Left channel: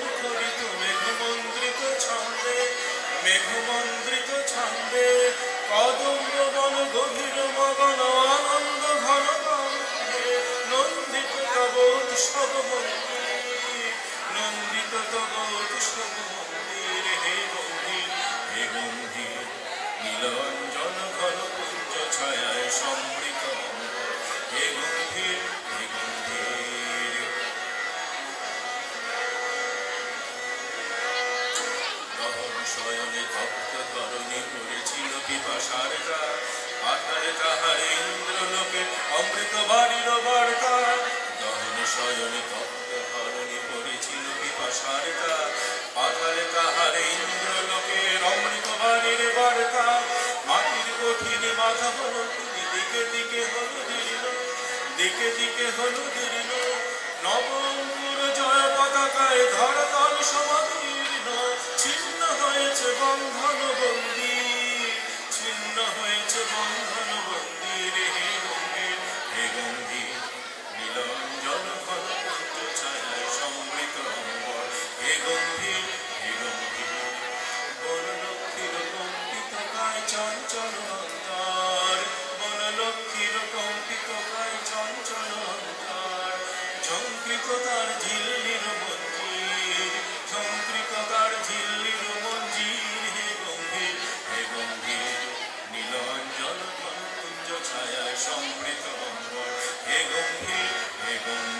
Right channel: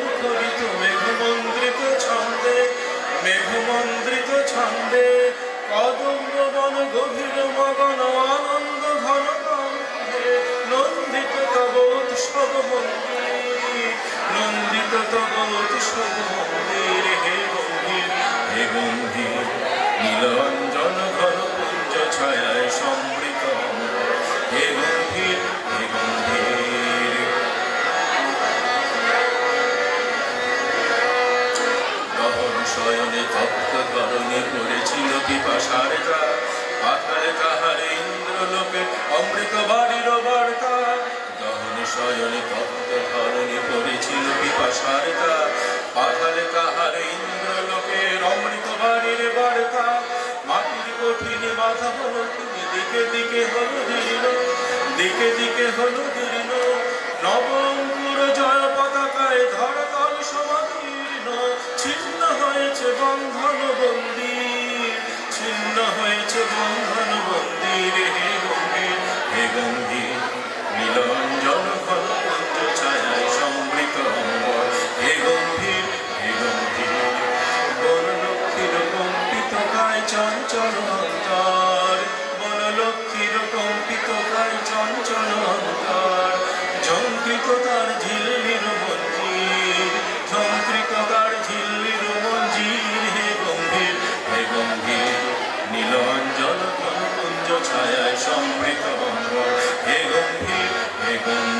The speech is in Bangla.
মুখরিত মেঘমন্দ্রিত ছন্দে, মেঘমন্দ্রিত ছন্দে কদম্ব বন গভীর মগন আনন্দ ঘন কণ্ঠে নন্দিত তব উৎসব মন্দির, নন্দিত তব উৎসব মন্দির। হে গম্ভীর, হে গম্ভীর নীলাঞ্জন ঘন পুঞ্জ ছায়ায় সমৃত, হে গম্ভীর, হে গম্ভীর। গহন শয়নে তপ্ত ধরণী পড়েছিল পিপাসার জল, পাতালে তাহার ইন্দ্রলোকে অমৃত বাড়ির বার্তা। গহন শয়নে তপ্ত ধরণী পড়েছিল পিপাসার জল, পাতালে তাহার ইন্দ্রলোকের অমৃত বাড়ির বার্তা। মাটির কঠিন মাথা হলো তিনি, দিকে দিকে হলো দীর্ণ, দিকে দিকে হলো দীর্ণ। নবঙ্কুর জয় পতাকায় ধরাতল সমাদীর্ণ, ছিন্ন হয়েছে বন্ধন বন্দী, ছিন্ন হয়েছে বন্ধন বন্দীর। হে গম্ভীর, হে গম্ভীর নীলাঞ্জন ঘন পুঞ্জ ছায়ায় সমৃত অম্বর, হে গম্ভীর, হে গম্ভীর। বনলক্ষ্মীর কম্পিত কায় চঞ্চল অন্তর, বনলক্ষ্মীর কম্পিত কায় চঞ্চল অন্তর। ঝঙ্কৃত তার ঝিল্লির মঞ্জির, ঝঙ্কৃত তার ঝিল্লির মঞ্জির। হে গম্ভীর, হে গম্ভীর নীলাঞ্জন ঘন পুঞ্জ ছায়ায় সমৃত অম্বর, হে গম্ভীর, হে গম্ভীর।